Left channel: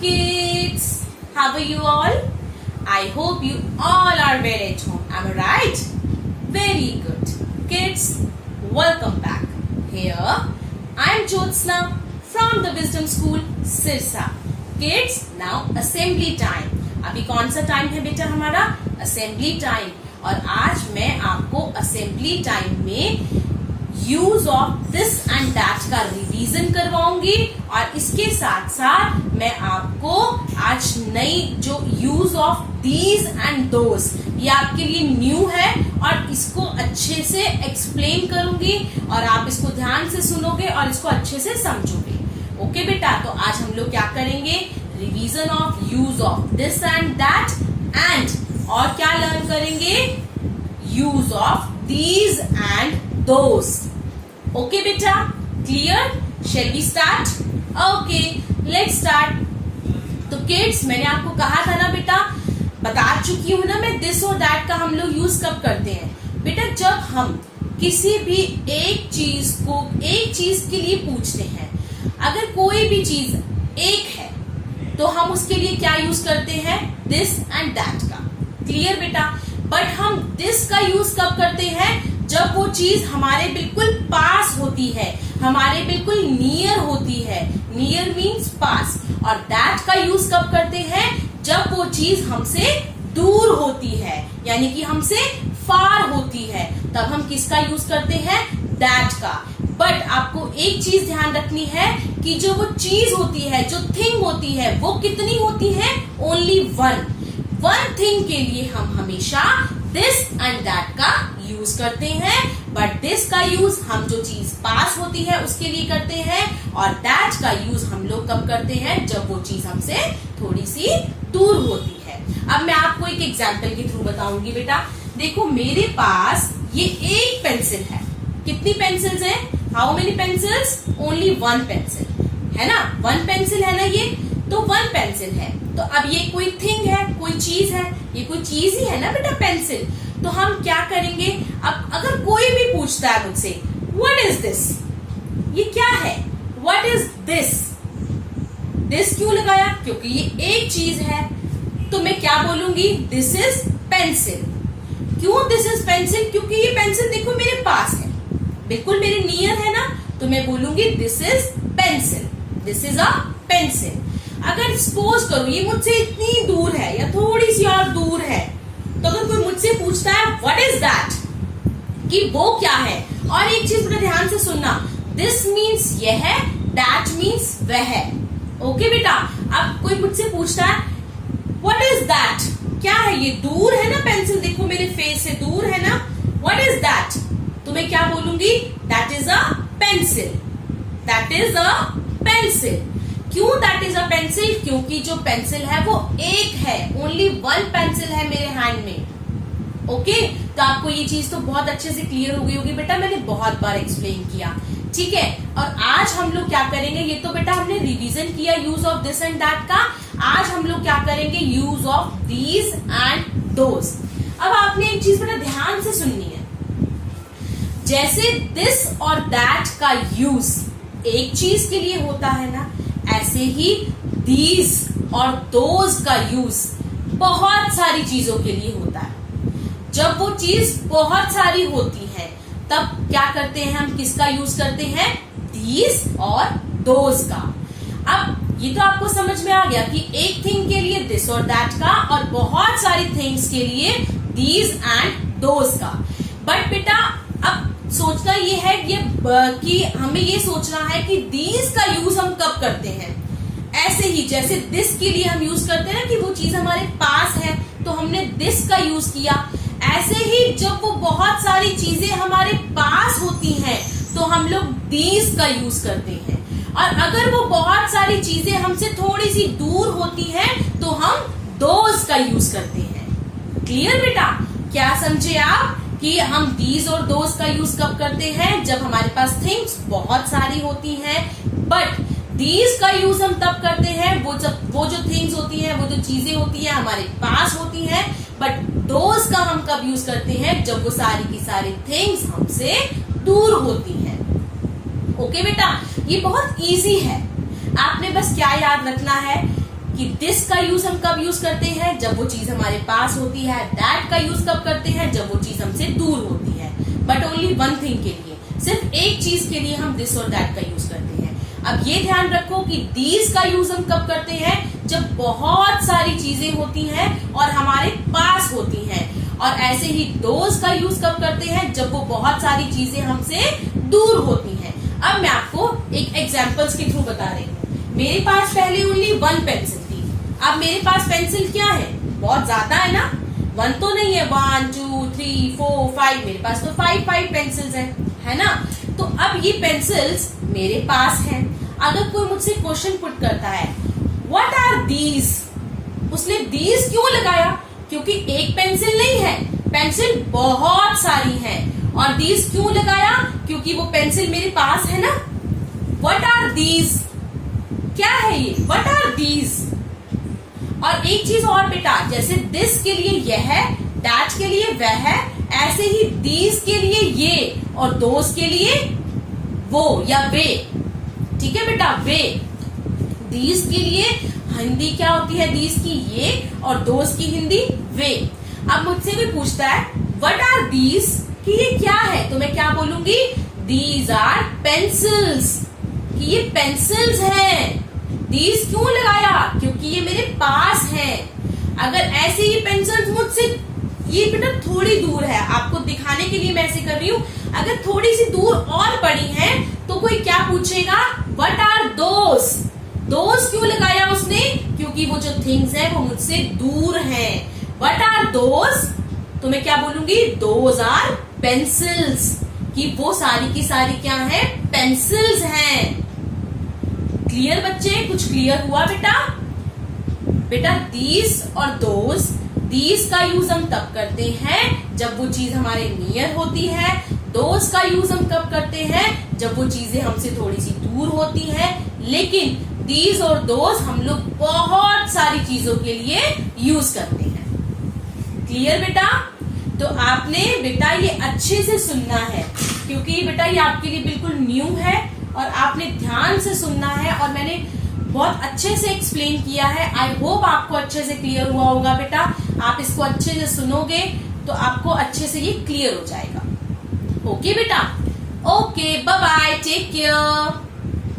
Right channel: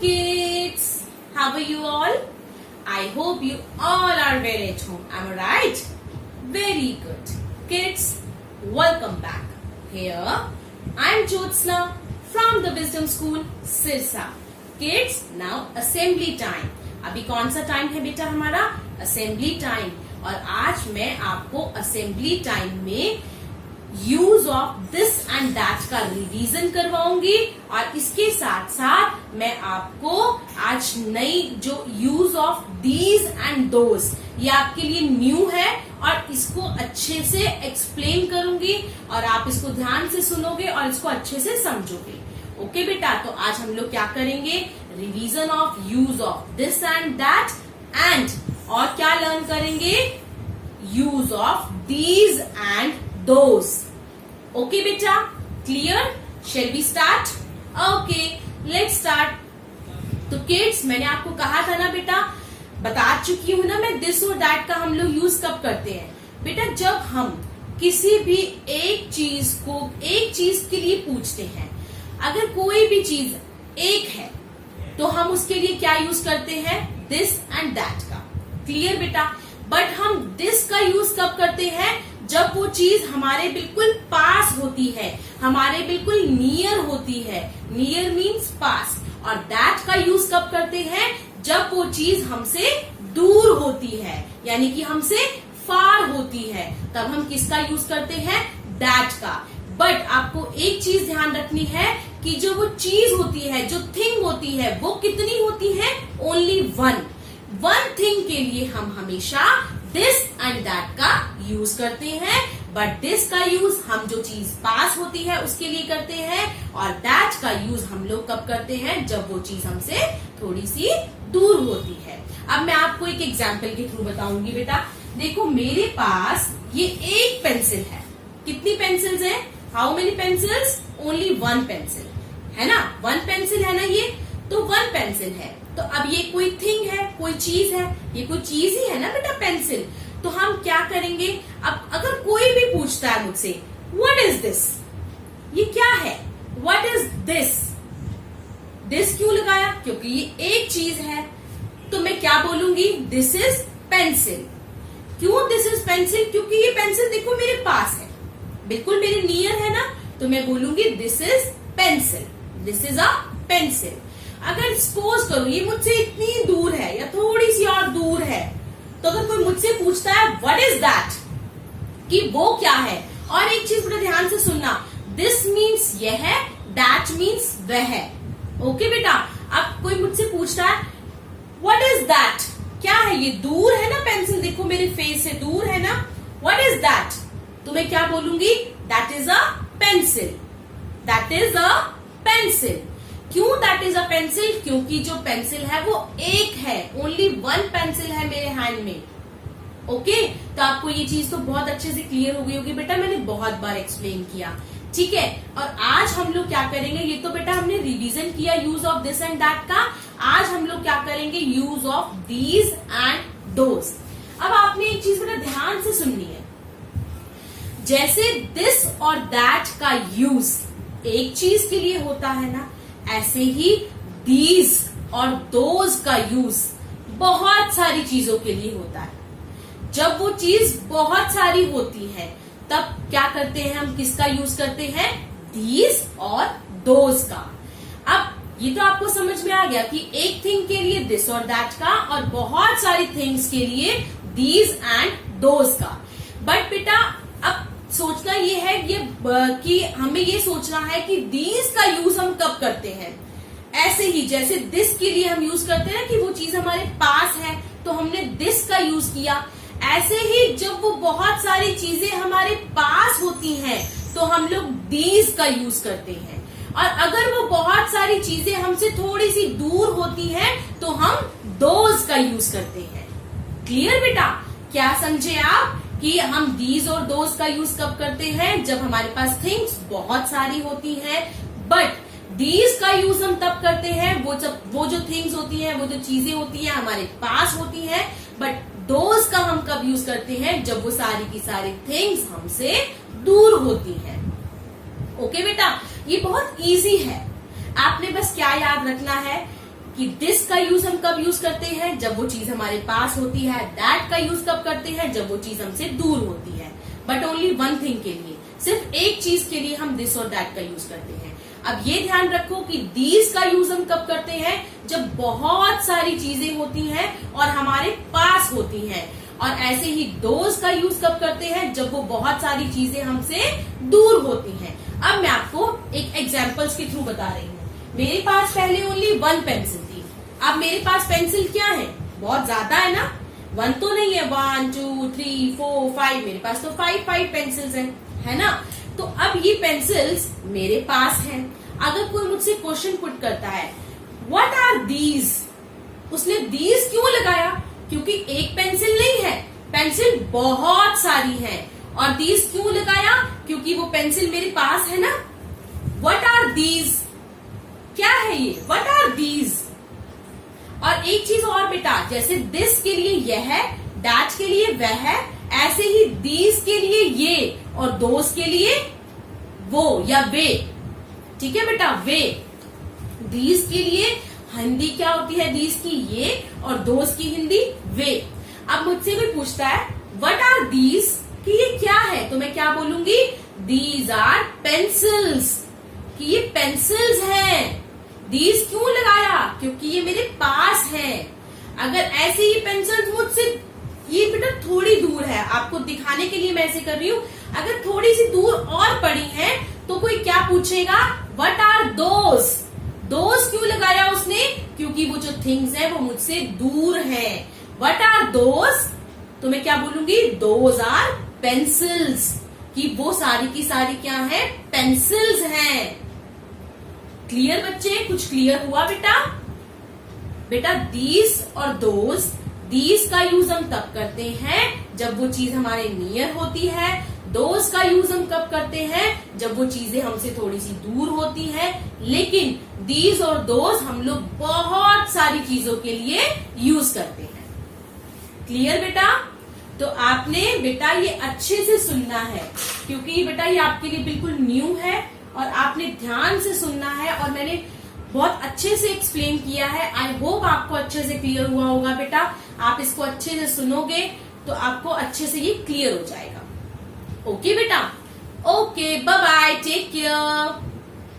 Kids, how are you all? I hope you all are well at home. Am I right? Very good. Kids, welcome back. Here, I am Jyotsna from the Wisdom School, Sirsa. Kids, now assembly time. अभी कौन सा time है बेटा हमारा? Assembly time. और आज मैं आपको असेंबली टाइम में use of this and that का रिवीजन करवाऊंगी और इसके साथ साथ मैं आपको आज नई जो use of these and those ये आपके लिए न्यू है और इसको अच्छे से एक्सप्लेन करूंगी और आप इसको ध्यान से सुनोगे और इसको अच्छे से समझोगे. ओके बेटा, तो आज हम लोग क्या करेंगे? Revision of use of this and that and और क्या लर्न करेंगे? Use of these and those. Okay बेटा, clear? Shall we start? Okay, let's start. तो किड्स, मैंने आपको कहा था ना बेटा, बता चुकी हूं ना मैं, दिस और दैट का हम लोग यूज कब करते हैं बेटा? जब हम किसी भी एक चीज के लिए पूछते हैं. अगर कोई भी चीज एक है तो हम उसके लिए क्या यूज करते हैं? दिस एंड दैट का. क्लियर बेटा? बट हम दिस का यूज कब करते हैं? जब वो चीज हमारे बिल्कुल पास होती है, हमारे बिल्कुल नियर होती है. नियर मीन्स पास. और दैट का यूज कब करते हैं? जब वो चीज हमसे दूर होती है, यानी कि हमसे फार होती है, तब हम किसका यूज करते हैं? दैट का. बट आपको एक चीज ध्यान रखनी है कि जो वो चीज होती है, जो थिंग होती है, वो कितनी होती है? ओनली वन थिंग के लिए हम हमेशा दिस एंड दैट का यूज करते हैं. बट दिस का यूज हम जो चीज पास होती है उसके लिए करते हैं और दैट का यूज हम लोग कब करते हैं? जब वो चीज हमसे थोड़ी सी दूर होती है. अब मैं आपको एक एग्जाम्पल के थ्रू बताऊंगी बेटा. देखो, मेरे पास ये एक पेंसिल है. कितनी पेंसिल्स हैं? How many pencils? Only one pencil है ना. वन पेंसिल है ना ये, तो वन पेंसिल है. तो अब ये कोई थिंग है, कोई चीज है, ये कोई चीज ही है ना बेटा, पेंसिल. तो हम क्या करेंगे? अब अगर कोई भी पूछता है मुझसे, व्हाट इज दिस? ये क्या है? What is this? दिस क्यों लगाया? क्योंकि ये एक चीज है. तो मैं क्या बोलूंगी? This is pencil. क्यों दिस इज पेंसिल? क्योंकि ये पेंसिल देखो मेरे पास है, बिल्कुल मेरे नियर है ना, तो मैं बोलूंगी this is pencil. This is a pencil. अगर सपोज करो ये मुझसे इतनी दूर है या थोड़ी सी और दूर है, तो अगर कोई मुझसे पूछता है व्हाट इज दैट, कि वो क्या है. और एक चीज बड़ा ध्यान से सुनना, दिस मीन्स यह है, दैट मीन्स वह है. ओके बेटा? अब कोई मुझसे पूछता है व्हाट इज दैट, क्या है? ये दूर है ना पेंसिल, देखो मेरे फेस से दूर है ना. What is that? तो मैं क्या बोलूंगी? That is a pencil. That is a pencil. क्यों दैट इज अ पेंसिल? क्योंकि जो पेंसिल है वो एक है, ओनली वन पेंसिल है मेरे हैंड में. ओके, तो आपको ये चीज तो बहुत अच्छे से क्लियर हो गई होगी बेटा, मैंने बहुत बार एक्सप्लेन किया. ठीक है, और आज हम लोग क्या करेंगे? ये तो बेटा हमने रिवीजन किया use of this and that का. आज हम लोग क्या करेंगे? Use of these and those. अब आपने एक चीज बेटा ध्यान से सुननी है. जैसे दिस और दैट का यूज एक चीज के लिए होता है ना, ऐसे ही दीज और दोज का यूज बहुत सारी चीजों के लिए होता है. जब वो चीज बहुत सारी होती है तब क्या करते हैं हम? किसका यूज करते हैं? दीज और दोज का. अब ये तो आपको समझ में आ गया कि एक थिंग के लिए दिस और दैट का और बहुत सारी थिंग्स के लिए दीज एंड दोज का. बट बेटा अब सोचना ये है कि हमें ये सोचना है कि दीज का यूज हम कब करते हैं. ऐसे ही जैसे दिस के लिए हम यूज करते हैं ना कि वो चीज हमारे पास है तो हमने दिस का यूज किया, ऐसे ही जब वो बहुत सारी चीजें हमारे पास होती हैं तो हम लोग दीज का यूज करते हैं. और अगर वो बहुत सारी चीजें हमसे थोड़ी सी दूर होती हैं तो हम दोज का यूज करते हैं. क्लियर बेटा? क्या समझे आप कि हम दीज और दोज का यूज कब करते हैं? जब हमारे पास थिंग्स बहुत सारी होती हैं. बट दीज का यूज हम तब करते हैं वो जो थिंग्स होती हैं, वो जो चीजें होती हैं हमारे पास होती हैं. बट दोज का हम कब यूज करते हैं? जब वो सारी की सारी थिंग्स हमसे दूर होती हैं. ओके बेटा, ये बहुत इजी है. आपने बस क्या याद रखना है कि दिस का यूज हम कब यूज करते हैं, जब वो चीज हमारे पास होती है। दैट का यूज कब करते हैं, जब वो चीज हमसे दूर होती है। बट ओनली वन थिंग के लिए, सिर्फ एक चीज के लिए हम दिस और दैट का यूज करते हैं। अब ये ध्यान रखो कि दीज का यूज हम कब करते हैं, जब बहुत सारी चीजें होती हैं और हमारे पास होती हैं। और ऐसे ही दोज का यूज कब करते हैं, जब वो बहुत सारी चीजें हमसे दूर होती हैं। अब मैं आपको एक एग्जांपल्स के थ्रू बता रही हूँ। मेरे पास पहले ओनली वन पेंसिल थी, अब मेरे पास पेंसिल क्या है, बहुत ज्यादा है ना, वन तो नहीं है, 1 2 3 4 5, मेरे पास तो 5 पेंसिल्स है ना। तो अब ये पेंसिल्स मेरे पास हैं। अगर कोई मुझसे क्वेश्चन पुट करता है व्हाट आर दीज, उसने दीज क्यों लगाया, क्योंकि एक पेंसिल नहीं है, पेंसिल बहुत सारी है। और दीज क्यों लगाया, क्योंकि वो पेंसिल मेरे पास है ना। व्हाट आर दीज, क्या है ये, व्हाट आर दीज। और एक चीज और बेटा, जैसे दिस के लिए यह है, दैट के लिए वह है, ऐसे ही दीज के लिए ये और दोस के लिए वो या वे। ठीक है बेटा, वे। दीज के लिए हिंदी क्या होती है, दीज की ये, और दोस की हिंदी वे। अब मुझसे कोई पूछता है व्हाट आर दीज, कि ये क्या है, तो मैं क्या बोलूंगी, दीज आर पेंसिल्स, कि ये पेंसिल्स हैं। दीज क्यों लगाया, क्योंकि ये मेरे पास है। अगर ऐसे ही पेंसिल्स मुझसे, ये बेटा थोड़ी दूर है, आपको दिखाने के लिए मैं ऐसे कर रही हूँ, अगर थोड़ी सी दूर और पड़ी है तो कोई क्या पूछेगा, व्हाट आर दोस। दोस क्यों लगाया उसने, क्योंकि वो जो थिंग्स है वो मुझसे दूर है। व्हाट आर दोस, तो मैं क्या बोलूंगी, दोज आर पेंसिल्स, कि वो सारी की सारी क्या है, पेंसिल्स हैं। क्लियर बच्चे, कुछ क्लियर हुआ बेटा। बेटा दीज और दोज, दीज का यूज हम तब करते हैं जब वो चीज हमारे नियर होती है। दोज का यूज हम कब करते हैं, जब वो चीजें हमसे थोड़ी सी दूर होती हैं। लेकिन दीज और दोज हम लोग बहुत सारी चीजों के लिए यूज करते हैं। क्लियर बेटा। तो आपने बेटा ये अच्छे से सुनना है, क्योंकि बेटा ये आपके लिए बिल्कुल न्यू है और आपने ध्यान से सुनना है। और मैंने बहुत अच्छे से एक्सप्लेन किया है। आई होप आपको अच्छे से क्लियर हुआ होगा बेटा। आप इसको अच्छे से सुनोगे तो आपको अच्छे से ये क्लियर हो जाएगा। ओके बेटा, okay, bye bye, take care.